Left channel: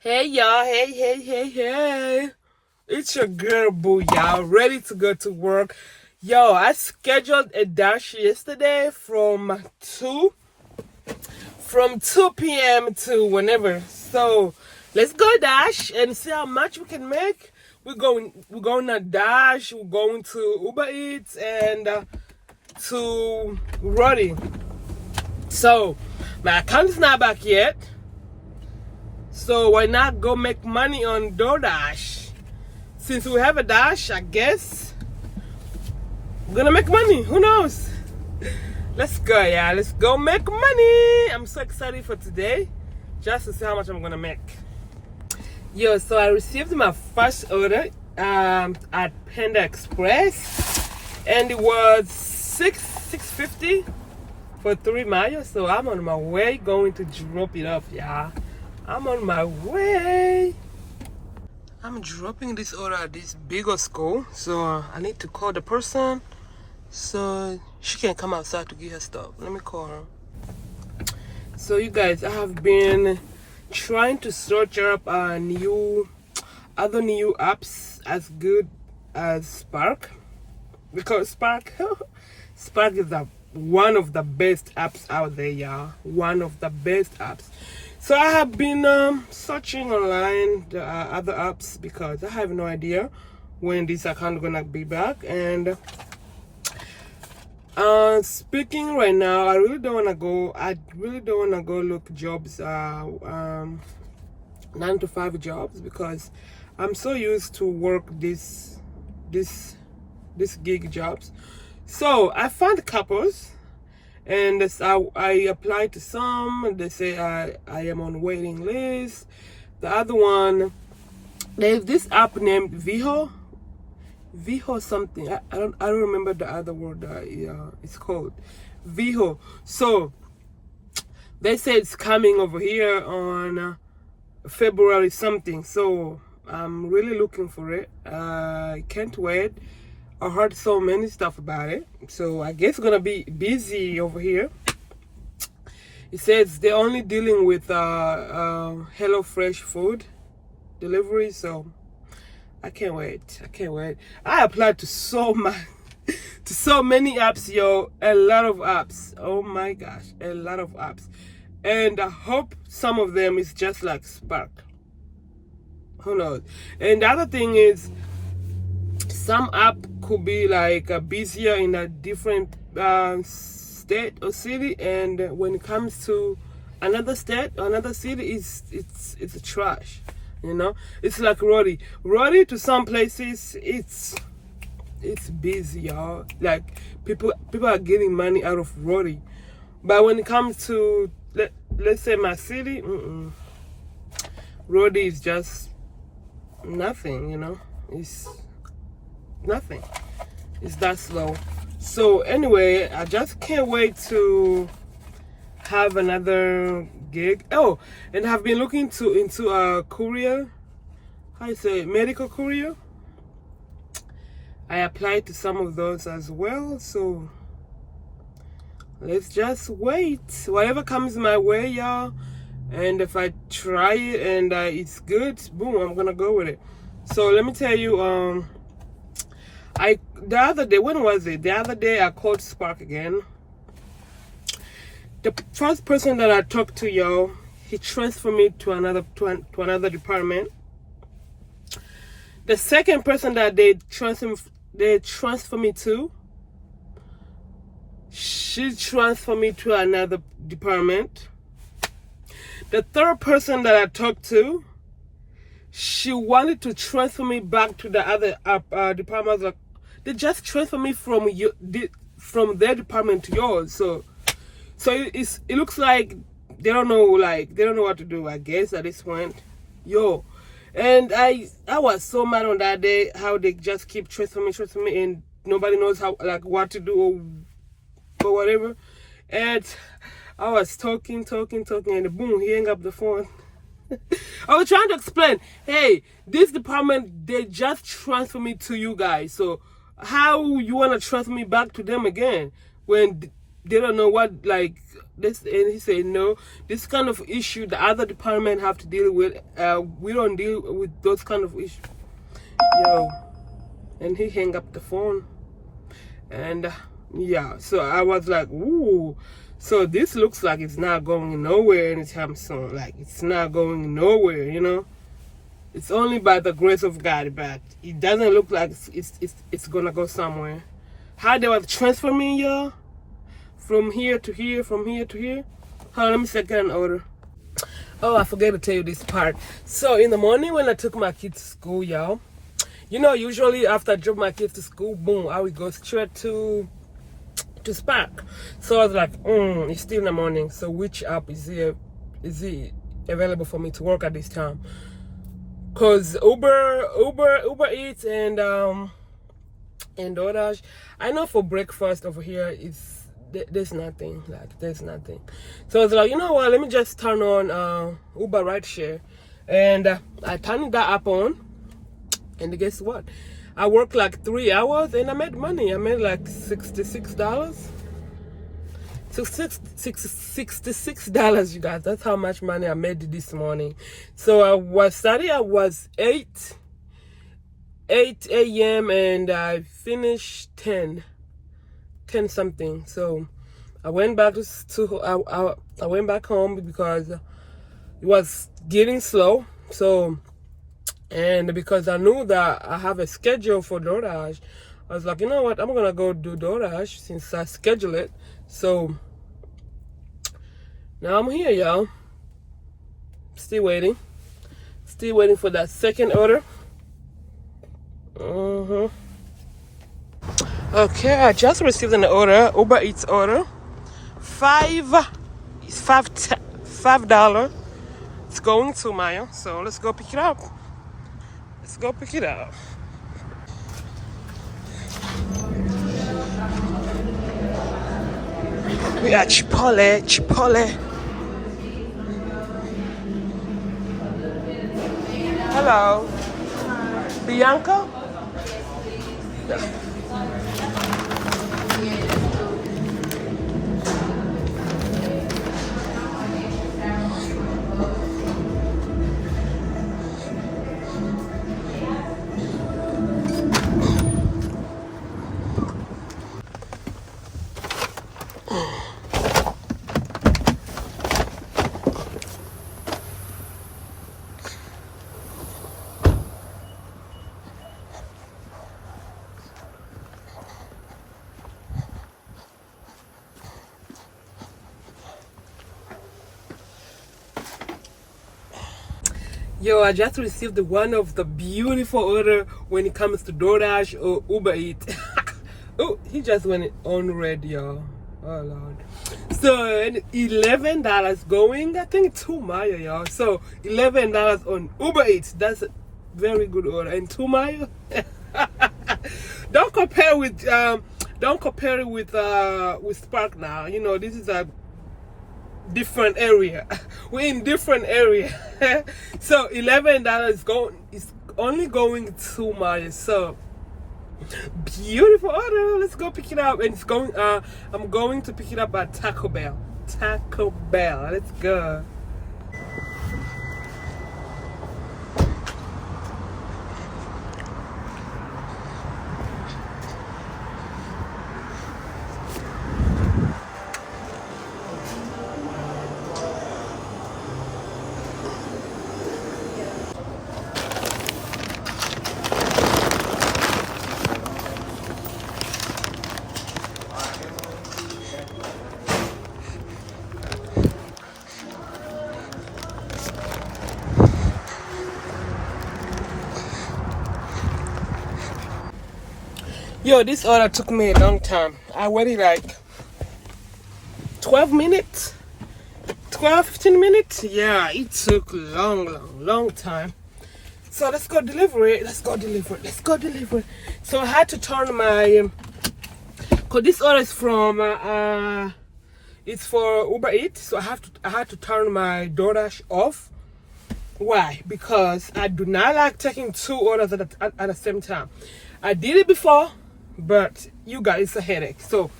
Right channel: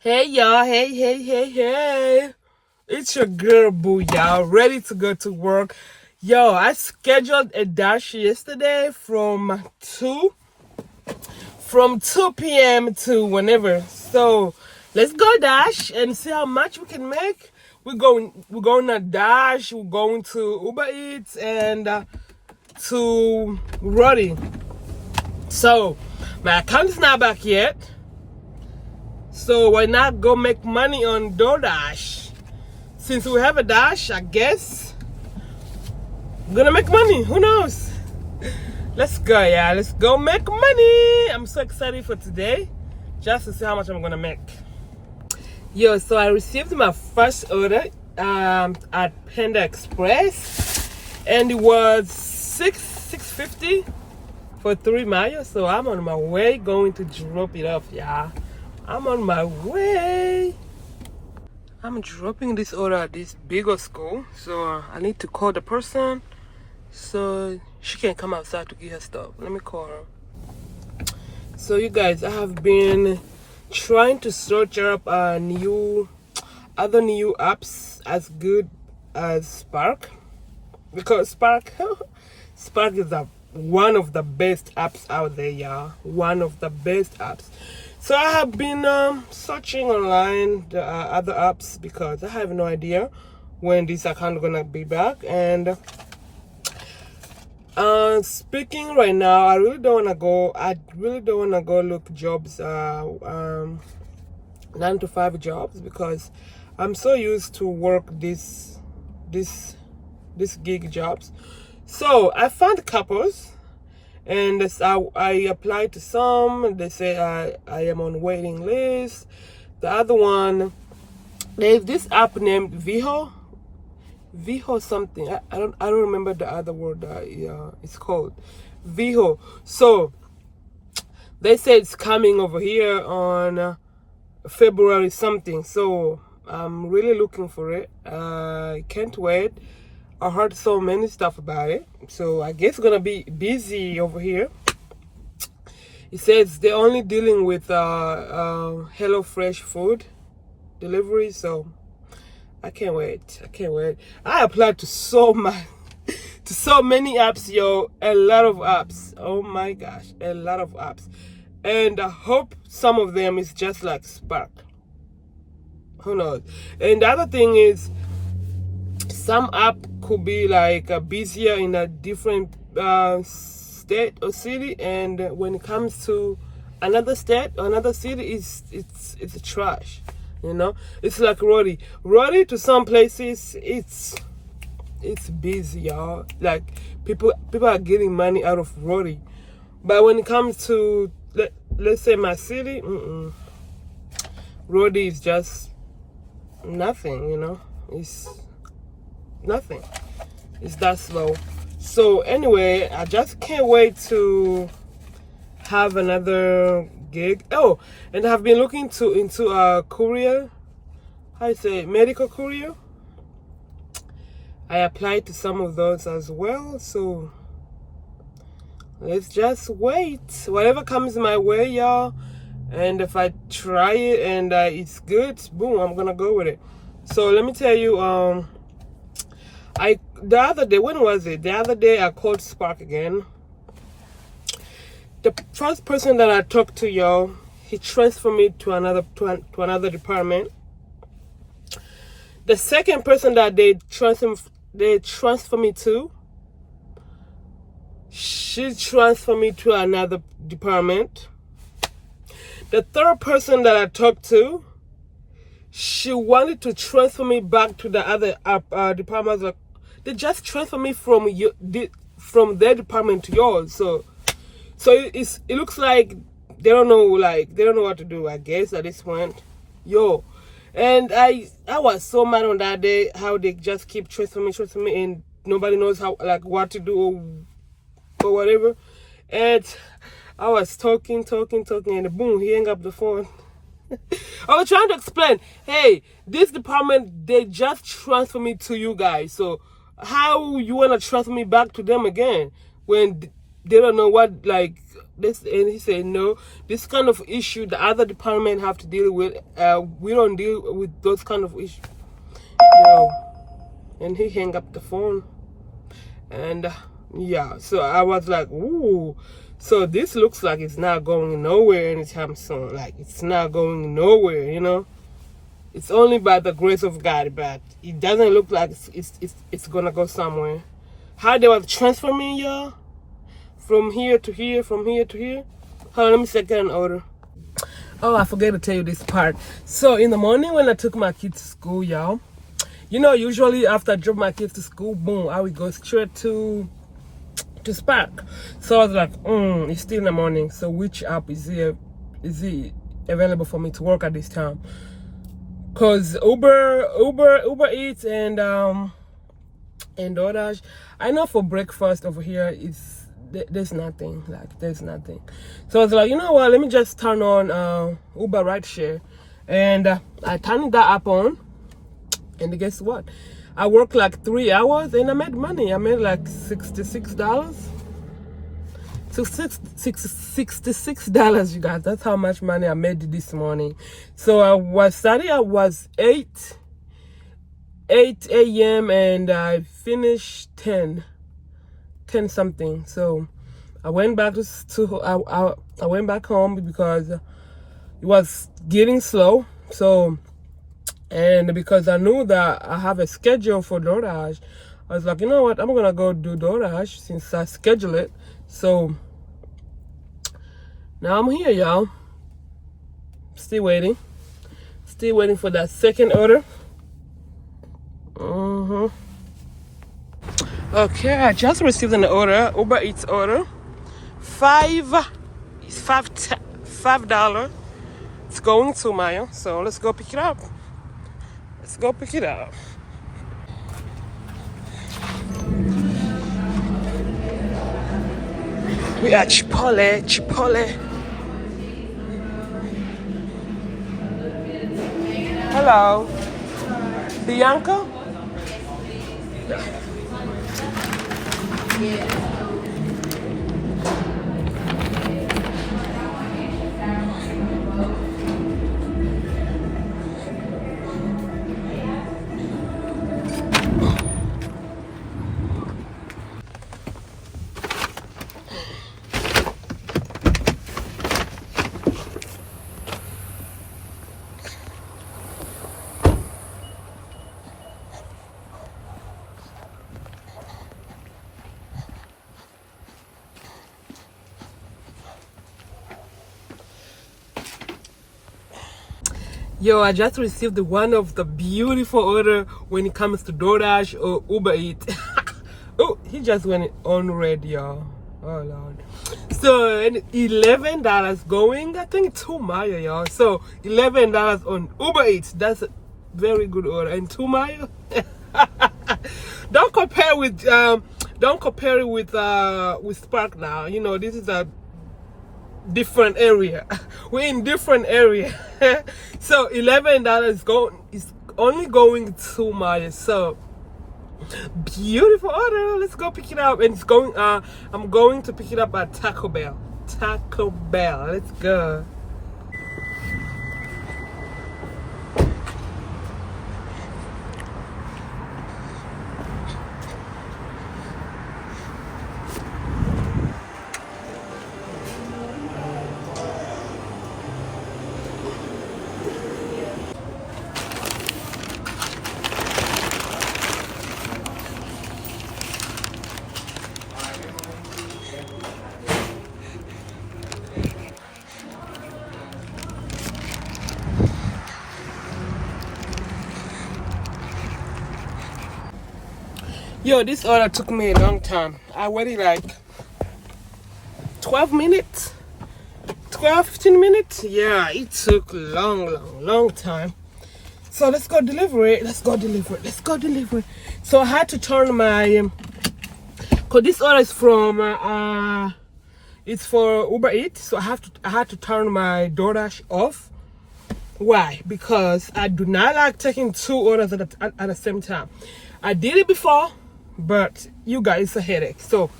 Hey y'all, hey. It's your girl Boo, y'all, ready to go to work. Yo, I scheduled a dash yesterday from 2 p.m. to whenever. So let's go dash and see how much we can make. We're going to dash, we're going to Uber Eats and to Roadie. So my account is not back yet. So why not go make money on DoorDash? Since we have a dash, I guess we're gonna make money. Who knows? Let's go, yeah. Let's go make money. I'm so excited for today, just to see how much I'm gonna make. Yo, so I received my first order at Panda Express, and it was $6.50 for 3 miles. So I'm on my way going to drop it off, yeah. I'm on my way. I'm dropping this order at this bigger school, so I need to call the person so she can come outside to get her stuff. Let me call her. So you guys, I have been trying to search up other new apps as good as Spark, because Spark is one of the best apps out there, y'all. One of the best apps. So I have been searching online the other apps because I have no idea when this account gonna be back. And speaking right now, I really don't wanna go look jobs, 9 to 5 jobs, because I'm so used to work this gig jobs. So I found couples. And I applied to some. They say I am on waiting list. The other one, there's this app named Viho something. I don't remember the other word that it's called. Viho. So they say it's coming over here on February something. So I'm really looking for it. I can't wait. I heard so many stuff about it, so I guess it's gonna be busy over here. It says they're only dealing with Hello Fresh food delivery, so I can't wait. I applied to so many apps, yo. A lot of apps. Oh my gosh, a lot of apps, and I hope some of them is just like Spark. Who knows? And the other thing is, some app could be like busier in a different state or city, and when it comes to another state or another city, it's a trash. You know, it's like Roadie to some places it's busy, y'all. Like people are getting money out of Roadie, but when it comes to let's say my city, Roadie is just nothing. You know, it's nothing. It's that slow. So anyway, I just can't wait to have another gig. Oh, and I've been looking into a courier. How you say it? Medical courier. I applied to some of those as well. So let's just wait. Whatever comes my way, y'all. And if I try it and it's good, boom, I'm gonna go with it. So let me tell you, the other day, when was it? The other day I called Spark again. The first person that I talked to, y'all, he transferred me to another department. The second person that they transfer me to, she transferred me to another department. The third person that I talked to, she wanted to transfer me back to the other department. I was like, they just transfer me from their department to yours. So it looks like they don't know what to do, I guess, at this point. Yo, and I was so mad on that day how they just keep transferring me, and nobody knows what to do or whatever. And I was talking, and boom, he hung up the phone. I was trying to explain, hey, this department, they just transfer me to you guys. So how you want to transfer me back to them again when they don't know what, this, and he said no, this kind of issue the other department have to deal with. We don't deal with those kind of issues. Yo, and he hung up the phone. And yeah, so I was like, ooh, so this looks like it's not going nowhere anytime soon. Like, it's not going nowhere, you know. It's only by the grace of God, but it doesn't look like it's gonna go somewhere. How they were transferring, y'all, from here to here, from here to here. Hold on, let me get an order. Oh, I forgot to tell you this part. So in the morning when I took my kids to school, y'all, you know, usually after I drop my kids to school, boom, I would go straight to Spark. So I was like, it's still in the morning. So which app is it available for me to work at this time? Cause Uber Eats and DoorDash, I know for breakfast over here there's nothing. Like, there's nothing. So I was like, you know what? Let me just turn on Uber Rideshare, and I turned that app on. And guess what? I worked like 3 hours and I made money. I made like $66. $66, you guys. That's how much money I made this morning. So I was starting. I was 8 a.m. and I finished 10 something. So I went back I went back home because it was getting slow. So, and because I knew that I have a schedule for DoorDash, I was like, you know what, I'm gonna go do DoorDash since I schedule it. So now I'm here, y'all. Still waiting for that second order. Okay, I just received an order, Uber Eats order. $5. It's going to Maya, so let's go pick it up. Let's go pick it up. We are Chipotle. Hello. Bianca? No. Yo, I just received one of the beautiful order when it comes to DoorDash or Uber Eats. Oh, he just went on red, y'all. Oh, Lord. So, $11 going, I think, to Maya, y'all. So, $11 on Uber Eats. That's a very good order. And to Maya, don't compare it with Spark now. You know, this is a different area. We're in different area. So $11 is only going to Maya. So beautiful order. Let's go pick it up. And it's going I'm going to pick it up at Taco Bell. Let's go. Yo, this order took me a long time. I waited like 12 minutes, 15 minutes. Yeah, it took long time. So let's go deliver it. So I had to turn my, cause this order is from, it's for Uber Eats. So I had to turn my DoorDash off. Why? Because I do not like taking 2 orders at the same time. I did it before, but you guys, it's a headache. So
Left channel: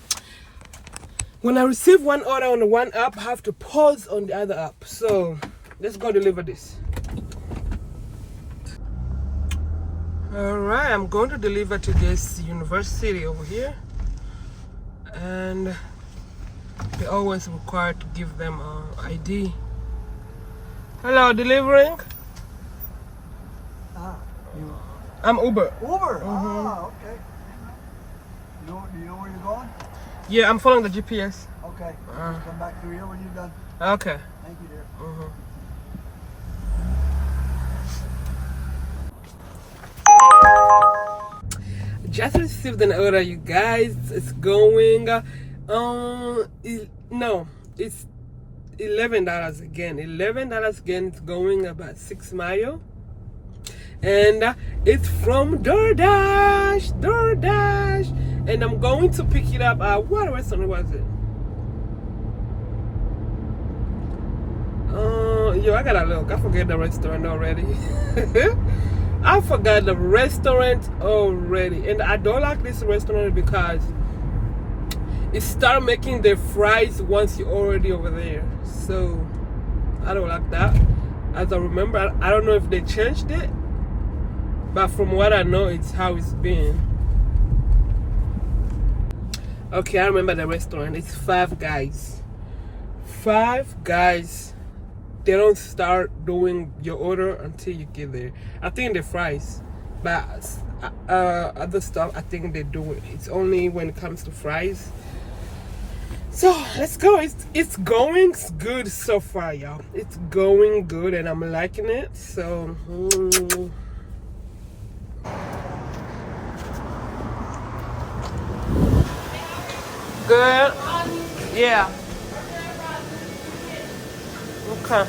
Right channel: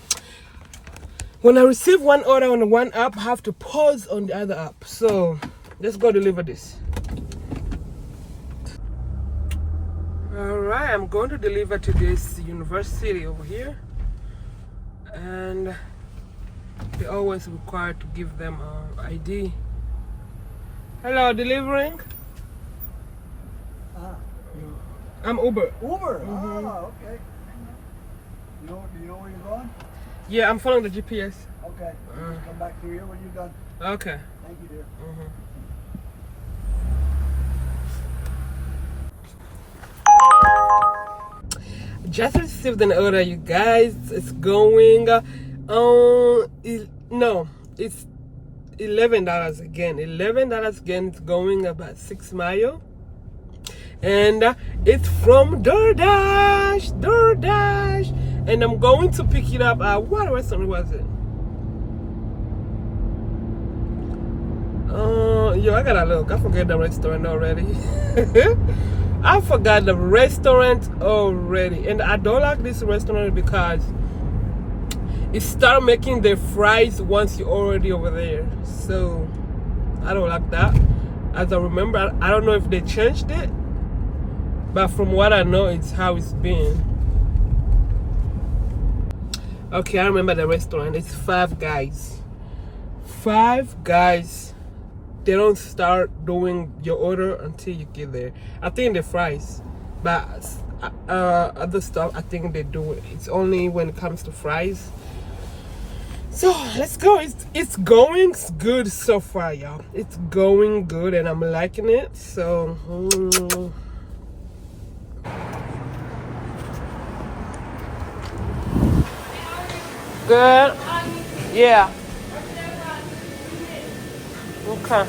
when I receive one order on one app, I have to pause on the other app. So let's go deliver this. All right, I'm going to deliver to this university over here, and they always require to give them ID. Hello, delivering. I'm Uber. Uber? Ah, okay. Do you know where you're going? Yeah, I'm following the GPS. Okay. Come back through here when you're done. Okay. Thank you, dear. Just received an order, you guys. It's going no, it's $11 again. $11 again. It's going about 6 miles, and it's from DoorDash. And I'm going to pick it up at what restaurant was it? Yo, I gotta look. I forget the restaurant already. I forgot the restaurant already, and I don't like this restaurant because it started making the fries once you're already over there. So I don't like that. As I remember, I don't know if they changed it, but from what I know, it's how it's been. Okay, I remember the restaurant. It's Five Guys. Five Guys. They don't start doing your order until you get there. I think the fries, but other stuff I think they do it. It's only when it comes to fries. So let's go. It's going good so far, y'all. It's going good, and I'm liking it. So good. Yeah. Okay.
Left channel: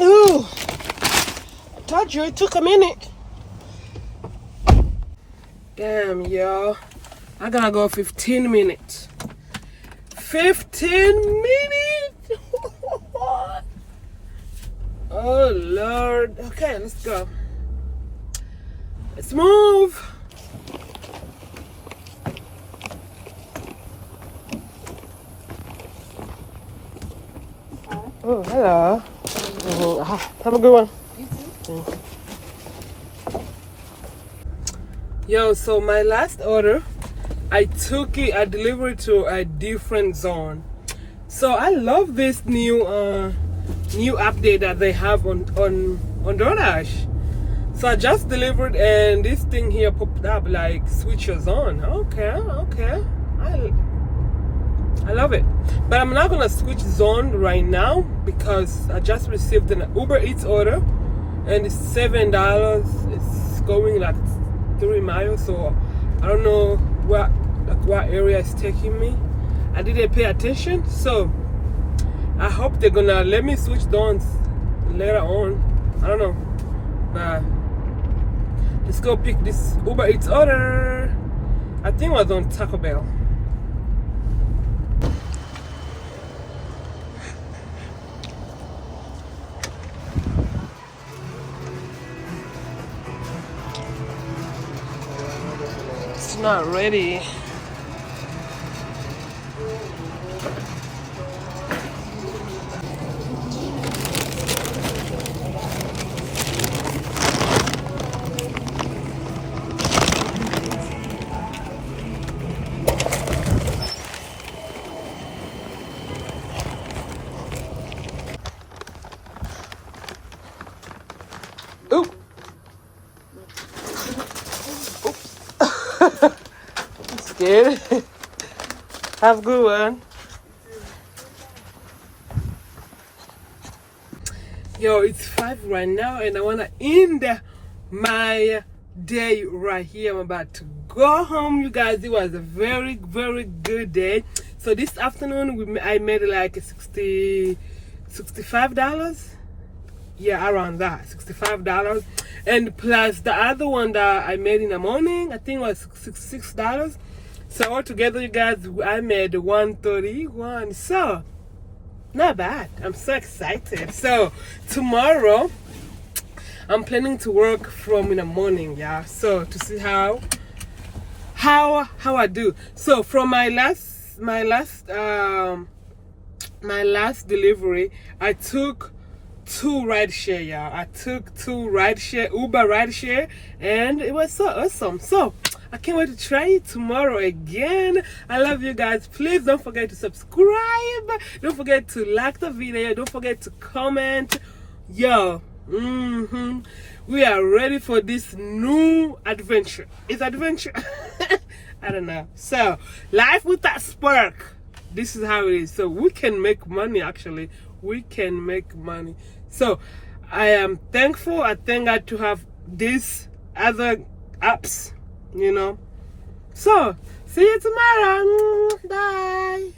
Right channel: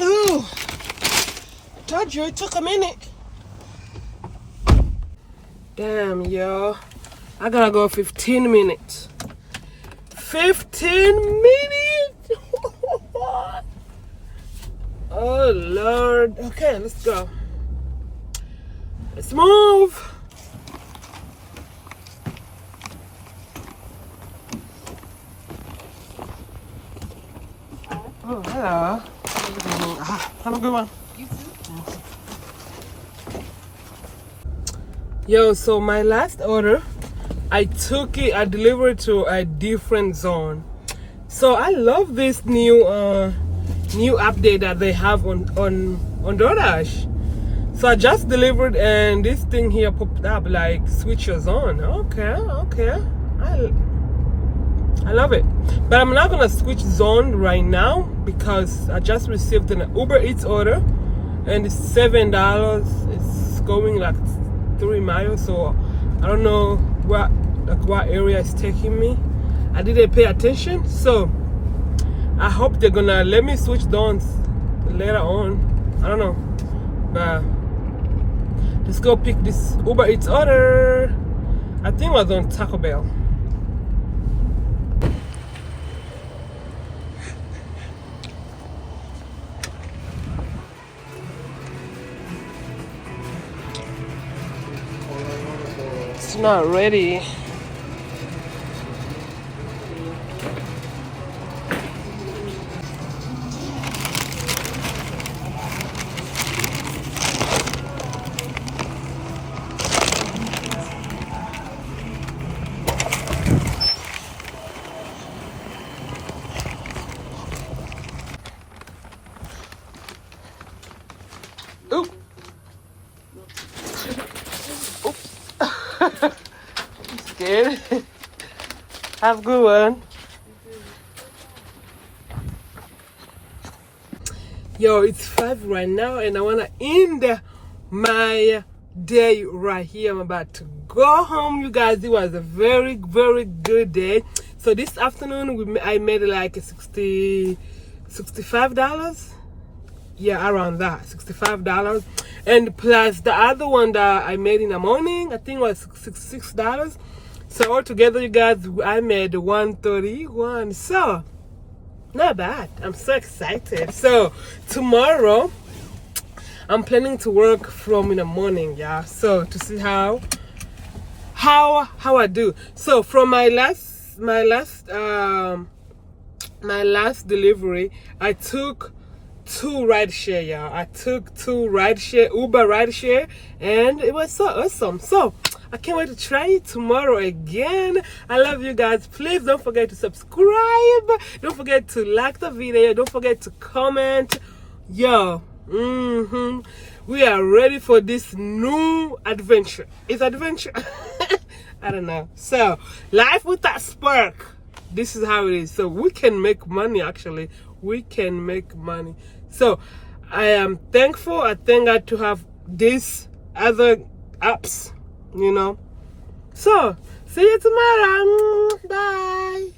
Ooh, told you it took a minute. Damn, y'all. I gotta go 15 minutes. 15 minutes? Oh, Lord. Okay, let's go. Let's move. Oh, hello. Have a good one. You too. Yo, so my last order, I delivered to a different zone. So I love this new update that they have on DoorDash. So I just delivered, and this thing here popped up like switch your zone. Okay. I love it. But I'm not gonna switch zone right now because I just received an Uber Eats order, and it's $7. It's going like 3 miles, so I don't know what area it's taking me. I didn't pay attention, so I hope they're gonna let me switch zones later on. I don't know, but let's go pick this Uber Eats order. I think it was on Taco Bell. It's not ready. Oop. I'm scared. Have a good one. Yo, it's 5 right now, and I wanna end my day right here. I'm about to go home, you guys. It was a very, very good day. So this afternoon I made like $65. Yeah, around that, $65. And plus the other one that I made in the morning, I think it was $6. So altogether, you guys, I made $131. So not bad. I'm so excited. So tomorrow, I'm planning to work from in the morning, yeah. So to see how I do. So from my last delivery, I took 2 rideshare, yeah. I took 2 rideshare, Uber rideshare, and it was so awesome. So I can't wait to try it tomorrow again. I love you guys. Please don't forget to subscribe. Don't forget to like the video. Don't forget to comment. Yo, we are ready for this new adventure. It's adventure. I don't know. So life with that spark. This is how it is. So we can make money. Actually, we can make money. So I am thankful. I thank God to have these other apps. You know. So see you tomorrow. Bye.